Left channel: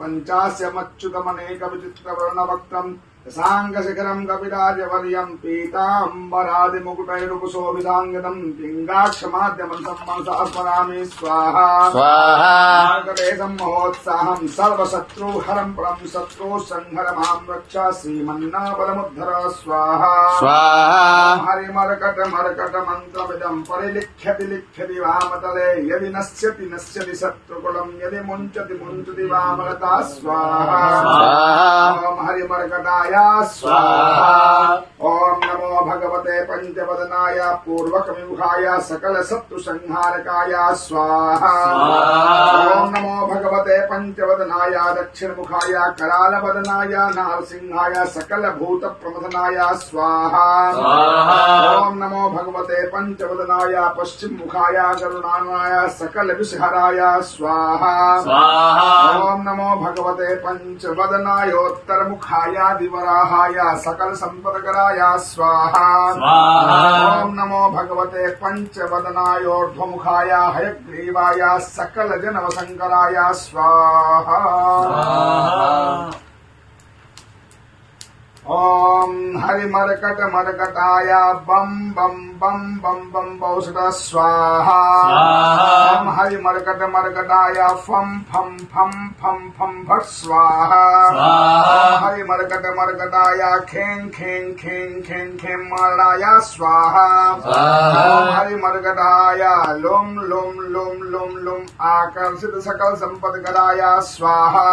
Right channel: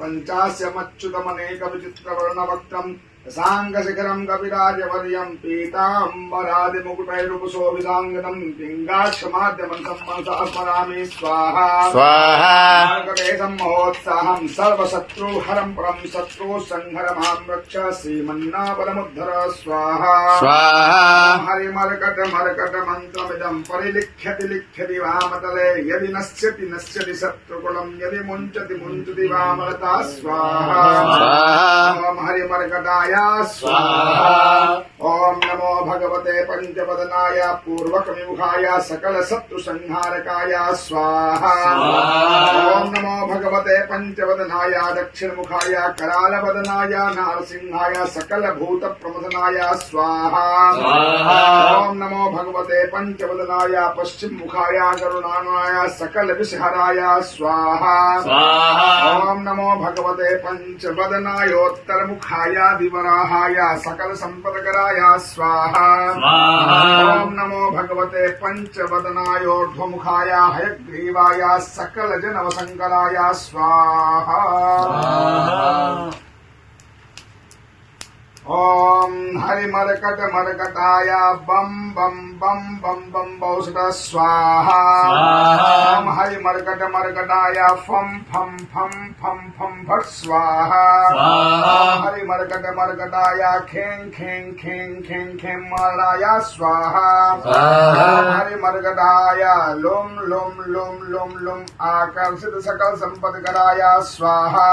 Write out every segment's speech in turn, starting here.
पंचास्यमच्युतमनेक विचित्रवर्णवक्त्रम् साङ्गशिखरम् कविराजवर्यम् पीताम्बरादिमुकुटैरुपशोभिताङ्गनम् पिङ्गाक्षमाद्यमन्तम् मनसा स्मरामि स्वाहा स्वाहा महोत्साहम् सर्वशत्रुहरम् परम् शत्रु संहरमाम् रक्ष श्रीमन्नाबलमुद्धर स्वाहा स्वाहा हरिमर्कट मर्कट मन्त्रमिदम् परिलिख्यति लिख्यति वामतले यदि नश्यति नश्यति शत्रुकुलम् यदि मुञ्चति मुञ्चति वामलता स्वाहा ओम हरिमर्कटाय स्वाहा ओम नमो भगवते पंचवदनाय पूर्वकविमुखाय सकल शत्रु संहारकाय स्वाहा ओम नमो भगवते पंचवदनाय दक्षिणमुखाय करालवदनाय नारसिंहाय सकल भूत प्रमथनाय स्वाहा ओम नमो भगवते पंचवदनाय पश्चिम मुखाय करुणानाय सकल विषहराय स्वाहा ओम नमो भगवते पंचवदनाय उत्तर मुखाय दिवराहाय सकल संपदकराय स्वाहा ओम नमो भगवते पंचवदनाय ऊर्ध्वमुखाय हयग्रीवाय सकल जनवसंकराय स्वाहा ओम हरिमर्कट मर्कटाय बम बम बम बम बम बौसुत स्वाहा ओम हरिमर्कट मर्कटाय फम फम फम फम फम भट स्वाहा हरिमर्कट मर्कटाय खें खें खें खें खें मर्डाय स्वाहा हरिमर्कटाय लोम लोम लोम लोम लोम आकर्षित सकल संपदकराय स्वाहा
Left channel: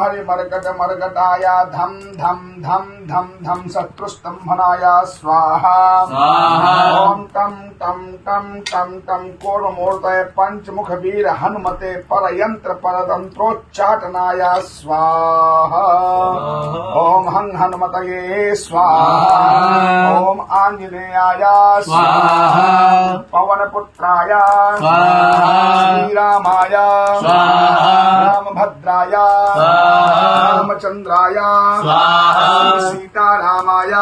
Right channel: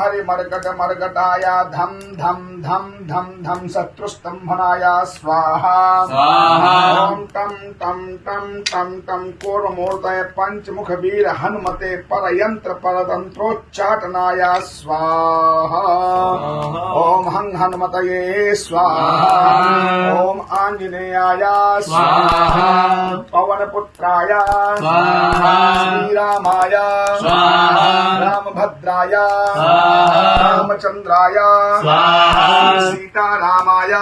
हरिमर्कट मर्कटाय धम धम धम धम धम शत्रुस्तंभनाय स्वाहा ओम टम टम टम टम टम कोरमूर्तये पंचमुख वीर हनुमते परयंत्र परतंत्रोच्चाटनाय स्वाहा ओम हं हनुमतये स्वाहा ओम आंजनेयाय स्वाहा पवनपुत्राय स्वाहा श्रीरामाय स्वाहा रामभद्राय रामचंद्राय सीतारामाय